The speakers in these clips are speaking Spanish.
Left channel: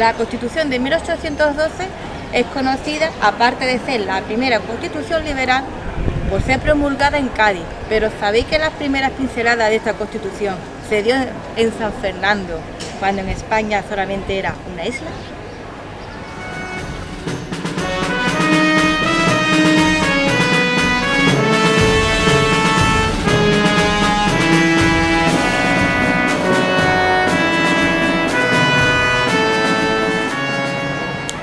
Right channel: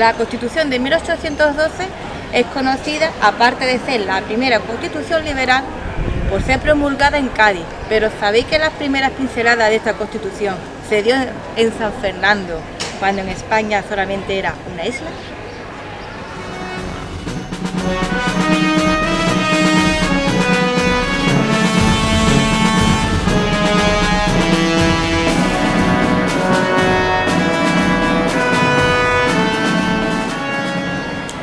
La Constitución de 1812 es conocida, aparte de ser la primera Constitución liberal, por ser promulgada en Cádiz. Pero ¿sabéis que las primeras pinceladas de esta Constitución se dio en San Fernando, cuando en España solamente era una isla?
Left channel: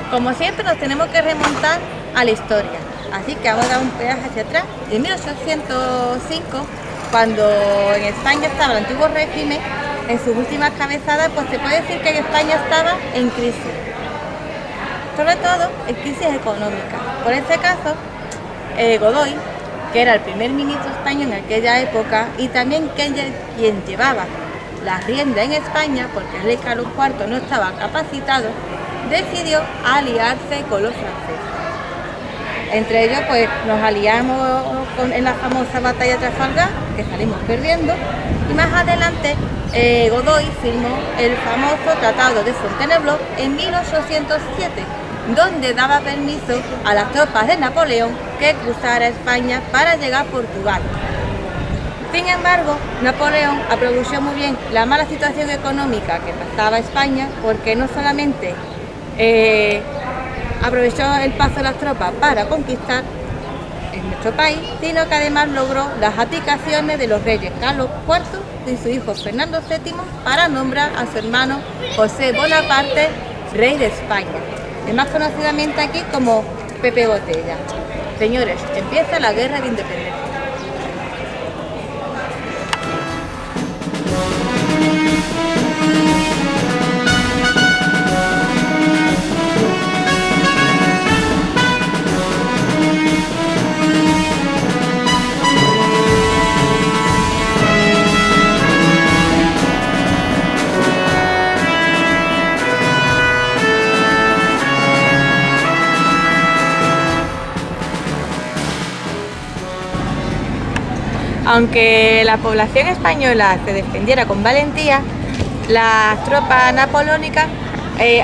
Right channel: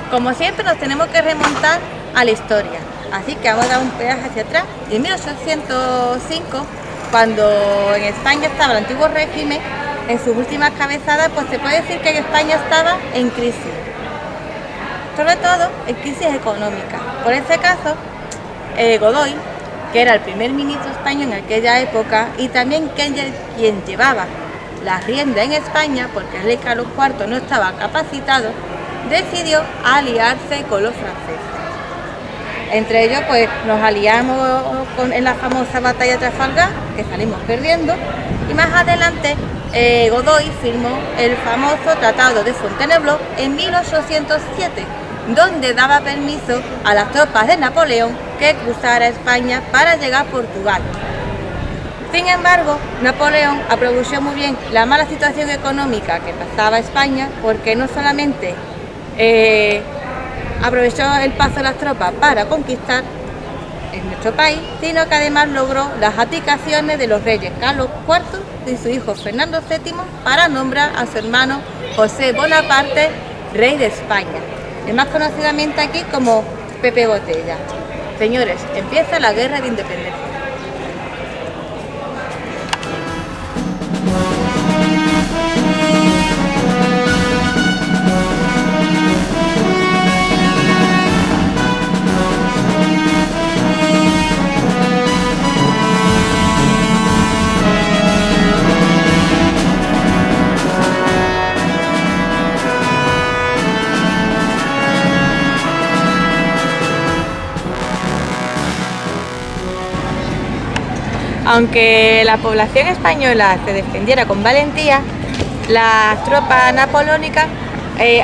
Como siempre nos tenemos que remontar a la historia, así que vamos a dar un pedazo hacia atrás. En 1805, cuando en España estaba el antiguo régimen, en sus últimas cabezadas, pues se puede decir que en España estaba en crisis, sobre todo en crisis económica. Por este caso, Godoy, que era el primer ministro español en aquella época y también quien llevaba las riendas en España, porque el rey Carlos IV no estaba capacitado, decidió aliarse con los franceses. Entre ellos, pues nos aliamos en la famosa batalla de Trafalgar, que salimos perdiendo, y más adelante Godoy firmó el famoso Tratado de Fontainebleau en 1807, donde daba permiso a las tropas de Napoleón que cruzara España para llegar a Portugal. Sin embargo, Napoleón aprovechó muy bien la mala situación económica que pasaba España, porque no solamente aprovechó el paso de las tropas para conquistar en nuestro país, sino que además logró las abdicaciones de los reyes Carlos IV y su hijo Fernando VII para nombrar a su hermano José Bonaparte rey de España, el más conocidamente aquí como Pepe Botella. Señores, empieza la guerra de independencia. Aunque la población española se defendiera con valentía, las tropas napoleónicas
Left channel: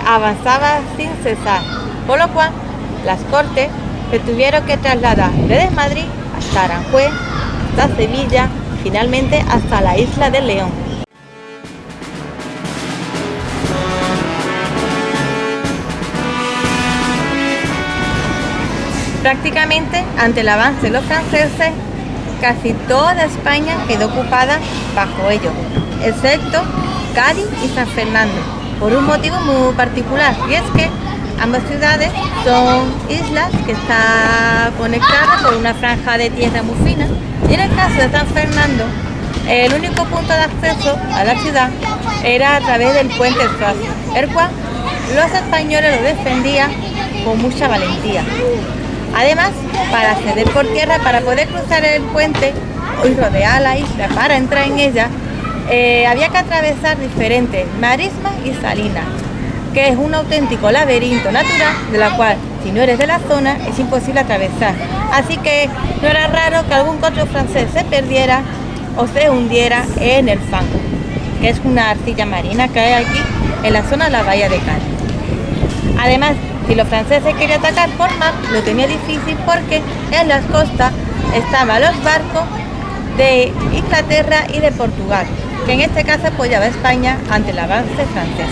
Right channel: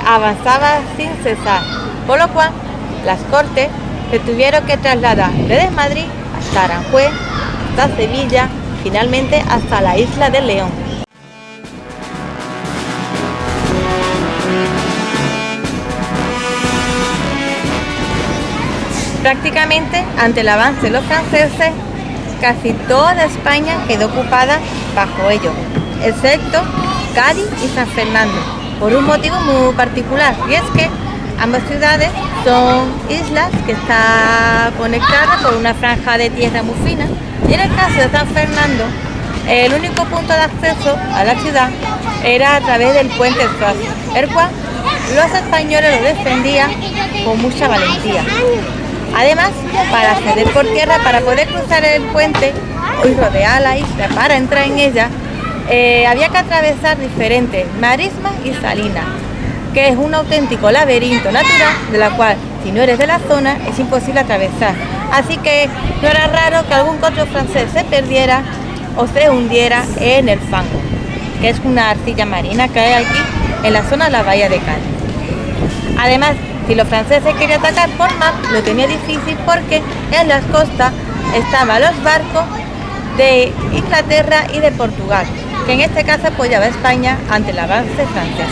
avanzaban sin cesar, por lo cual las cortes se tuvieron que trasladar desde Madrid hasta Aranjuez, hasta Sevilla, finalmente hasta la isla de León. Prácticamente, ante el avance de los franceses, casi toda España quedó ocupada bajo ellos, excepto Cádiz y San Fernando, por un motivo muy particular, y es que ambas ciudades son islas que están conectadas por una franja de tierra muy fina, y en el caso de San Fernando, el único punto de acceso a la ciudad era a través del puente Suazo, el cual los españoles lo defendían con mucha valentía. Además, para acceder por tierra, para poder cruzar el puente y rodear la isla para entrar en ella, había que atravesar diferentes marismas y salinas, que es un auténtico laberinto natural de la cual, si no eres de la zona, es imposible atravesar. Así que no era raro que algún otro francés se perdiera o se hundiera en el fango, que es una arcilla marina que hay aquí en la zona de la bahía de Cádiz. Además, si los franceses querían atacar por mar, lo tenía difícil porque en las costas estaban los barcos de Inglaterra y de Portugal, que en este caso apoyaba a España ante el avance francés.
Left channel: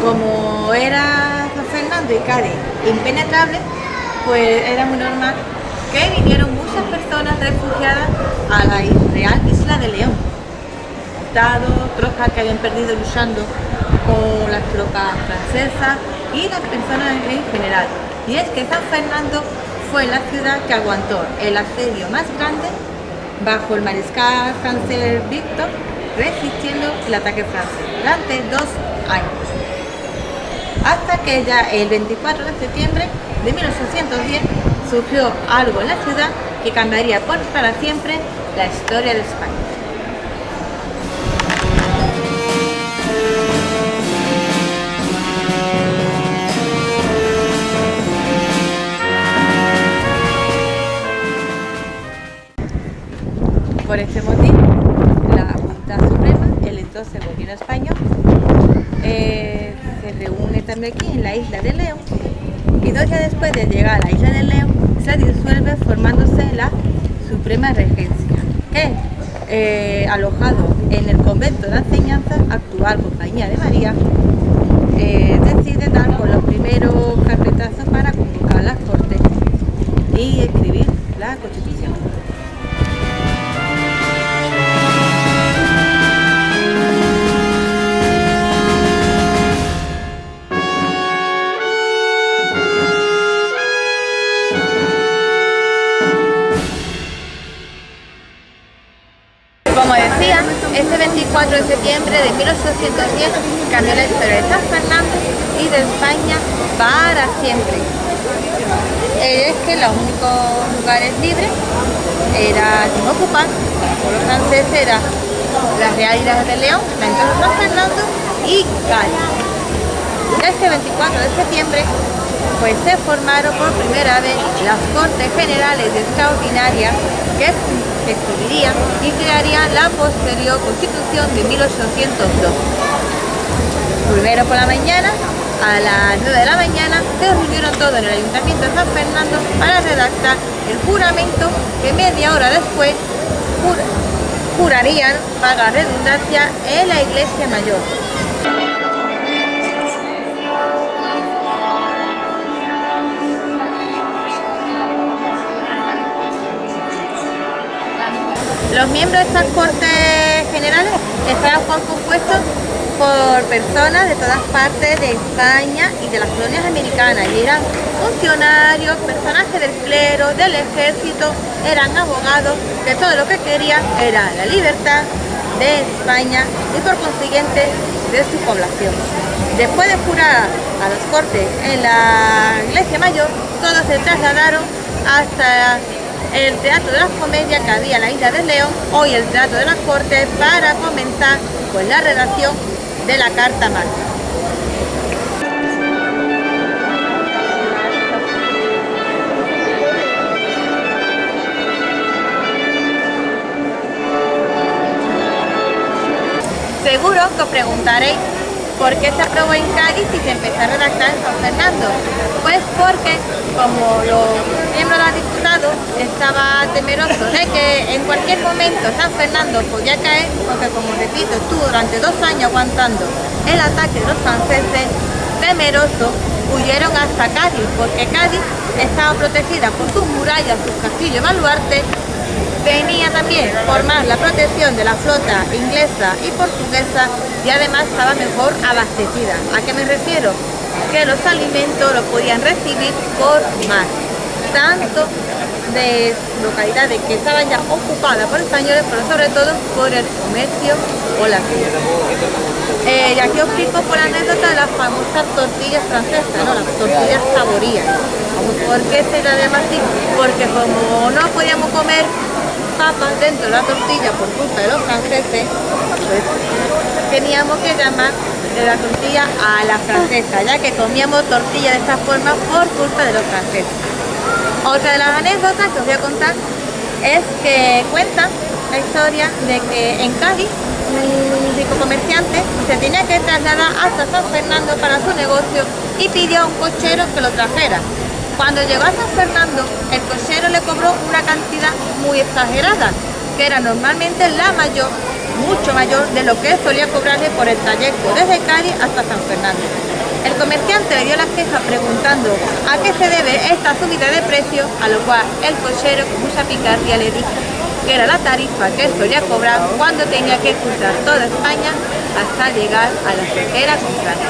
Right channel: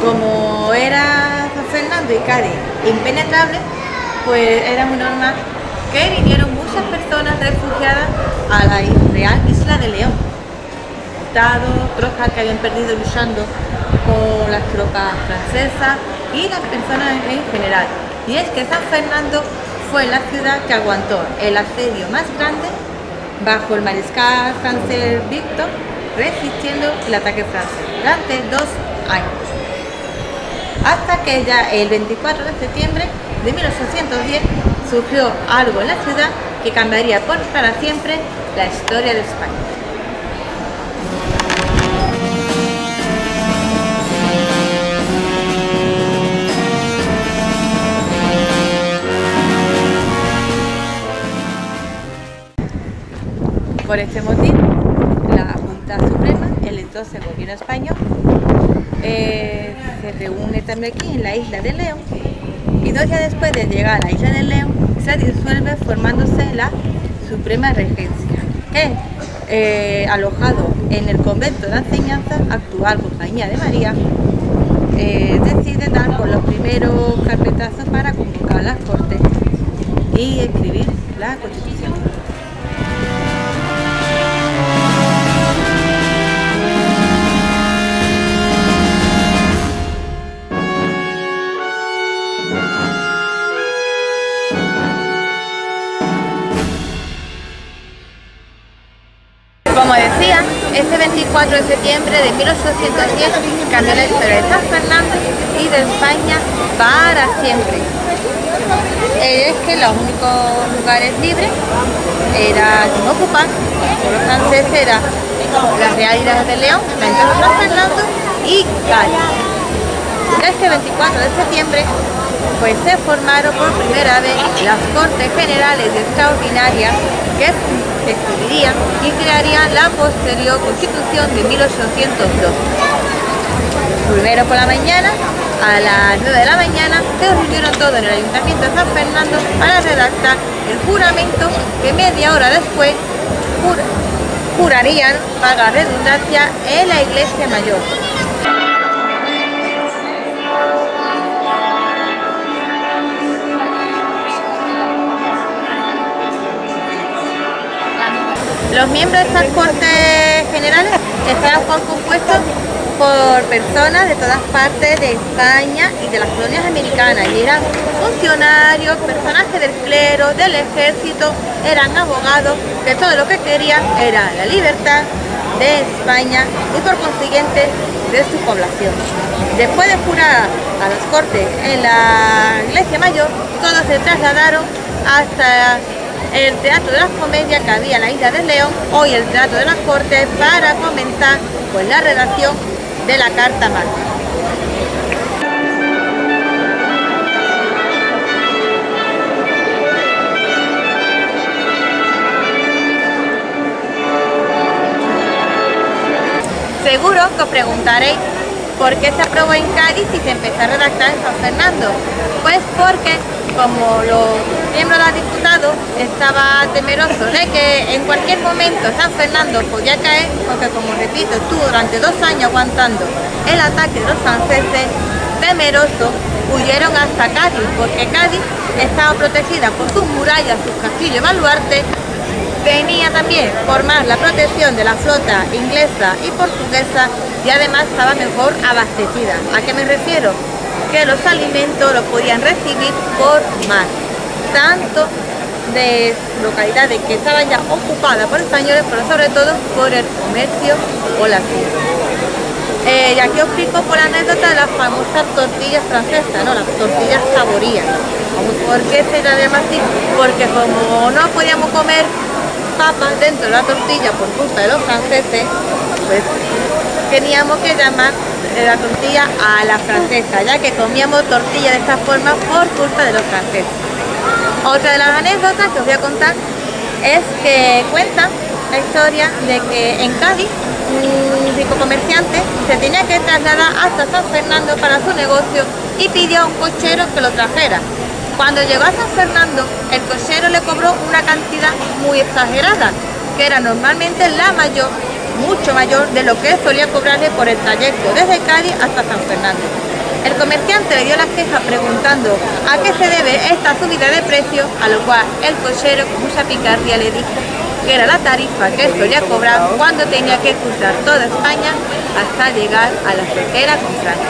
Como era San Fernando y Cádiz impenetrable, pues era muy normal que vinieron muchas personas refugiadas a la real isla de León, soldados, tropas que habían perdido luchando con las tropas francesas y las personas en general. Y es que San Fernando fue la ciudad que aguantó el asedio más grande bajo el mariscal francés Victor, resistiendo el ataque francés durante 2 años. Hasta que ya el 24 de septiembre de 1810 surgió algo en la ciudad que cambiaría para siempre la historia de España. Por este motivo, la Junta Suprema, el entonces gobierno español, se reúne también aquí en la isla de León, y 2 días después de llegar a la isla de León se disuelve formándose la Suprema Regencia, que alojado en el convento de enseñanza, actual Compañía de María, decide dar por los primeros carpetazos para convocar las Cortes y escribir la Constitución. Como decía, este 24 de septiembre de 1810 cambió la historia de San Fernando y de España para siempre. Es que los únicos lugares libres eran sin ocupar por los franceses, eran las Real Islas de León, la entonces San Fernando y Cádiz. Este 24 de septiembre pues se formaron por primera vez las Cortes Generales Extraordinarias que escribirían y crearían la posterior Constitución de 1802. Primero por la mañana, a las 9 de la mañana, se reunieron todos en el Ayuntamiento de San Fernando para redactar el juramento que media hora después jurarían, para redundancia, en la Iglesia Mayor. Los miembros de estas Cortes Generales estaban compuestos por personas de todas partes de España y de las colonias americanas, y eran funcionarios, personajes del clero, del ejército, eran abogados, que todo lo que querían era la libertad de España y por consiguiente de su población. Después de jurar a las Cortes en la Iglesia Mayor, todos se trasladaron hasta el Teatro de las Comedias que había en la isla de León, hoy el Teatro de las Cortes, para comenzar pues la redacción de la Carta Magna. Seguro que os preguntaréis por qué se aprobó en Cádiz y se empezó a redactar en San Fernando. Pues porque, como los miembros de los diputados estaban temerosos de que en cualquier momento San Fernando podía caer, porque, como repito, estuvo durante 2 años aguantando el ataque de los franceses, temerosos huyeron hasta Cádiz, porque Cádiz estaba protegida por sus murallas, sus castillos y baluartes. Tenía también por más la protección de la flota inglesa y portuguesa, y además estaba mejor abastecida. ¿A qué me refiero? Que los alimentos los podían recibir por mar, tanto de localidades que estaban ya ocupadas por españoles, pero sobre todo por el comercio o la tierra. Y aquí os explico por la anécdota de las famosas tortillas francesas, ¿no? Las tortillas saborías. ¿Por qué se la llama así? Porque como no podíamos comer papas dentro de la tortilla por culpa de los franceses, pues teníamos que llamar la tortilla a la francesa, ya que comíamos tortilla de esta forma por culpa de los franceses. Otra de las anécdotas que os voy a contar es que cuentan la historia de que en Cádiz un rico comerciante se tenía que trasladar hasta San Fernando para su negocio y pidió a un cochero que lo trajera. Cuando llegó a San Fernando, el cochero le cobró una cantidad muy exagerada, que era normalmente la mayor, mucho mayor de lo que solía cobrarle por el trayecto desde Cádiz hasta San Fernando. El comerciante le dio la queja preguntando a qué se debe esta subida de precio, a lo cual el cochero con mucha picardía le dijo que era la tarifa que solía cobrar cuando tenía que cruzar toda España hasta llegar a la frontera con Francia.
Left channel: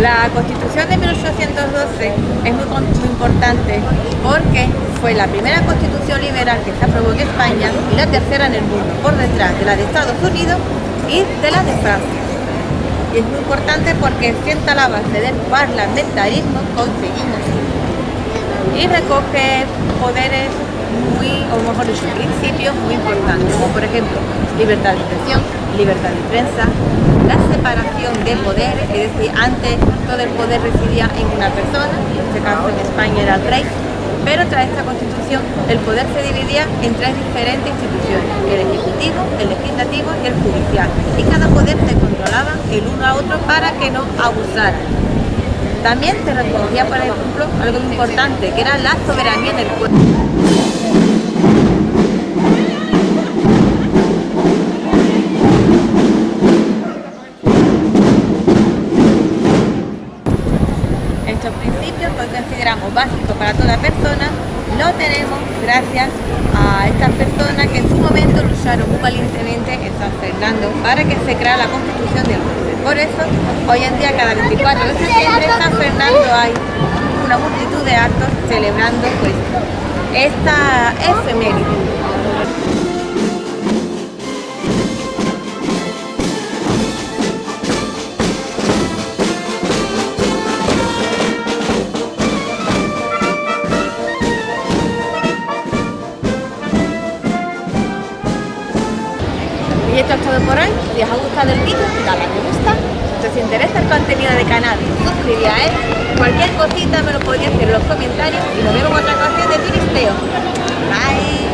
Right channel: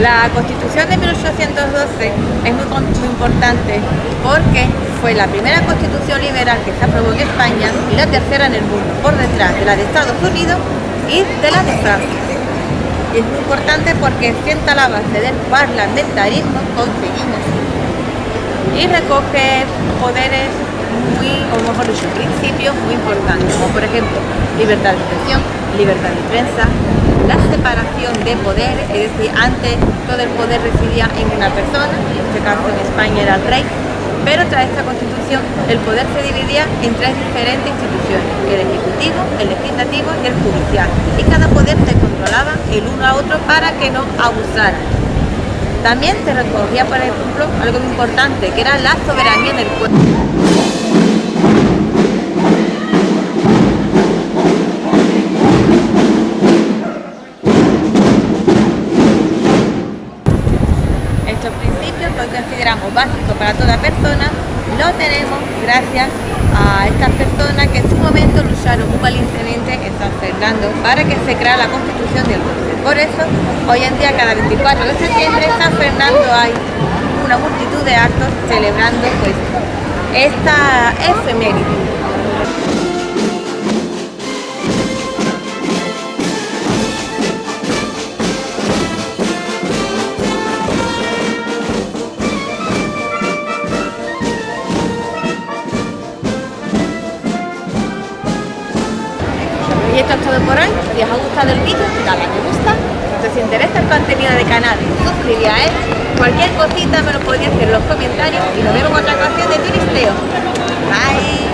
La Constitución de 1812 es muy importante porque fue la primera constitución liberal que se aprobó en España y la tercera en el mundo, por detrás de la de Estados Unidos, y de la de Francia. Y es muy importante porque sienta la base del parlamentarismo, conseguimos, y recoge poderes o mejor dicho, principios muy importantes, como por ejemplo, libertad de expresión, libertad de prensa, la separación de poderes, es decir, antes todo el poder residía en una persona, en este caso en España era el rey, pero tras esta constitución el poder se dividía en tres diferentes instituciones, el ejecutivo, el legislativo y el judicial, y cada poder se controlaba el uno a otro para que no abusaran. También se recogía, por ejemplo, algo muy importante, que era la soberanía del pueblo. Estos principios que hoy consideramos básicos para toda persona, lo tenemos gracias a estas personas que en su momento lucharon muy valientemente en San Fernando para que se creara la Constitución del 12. Por eso, hoy en día, cada 24 de septiembre, en San Fernando hay una multitud de actos celebrando pues esta efeméride. Y esto es todo por hoy. Si os ha gustado el vídeo, dale a me gusta. Si os interesa el contenido del canal, suscribíos a él. Cualquier cosita me lo podéis decir en los comentarios y nos vemos en otra ocasión de Turisteo. Bye.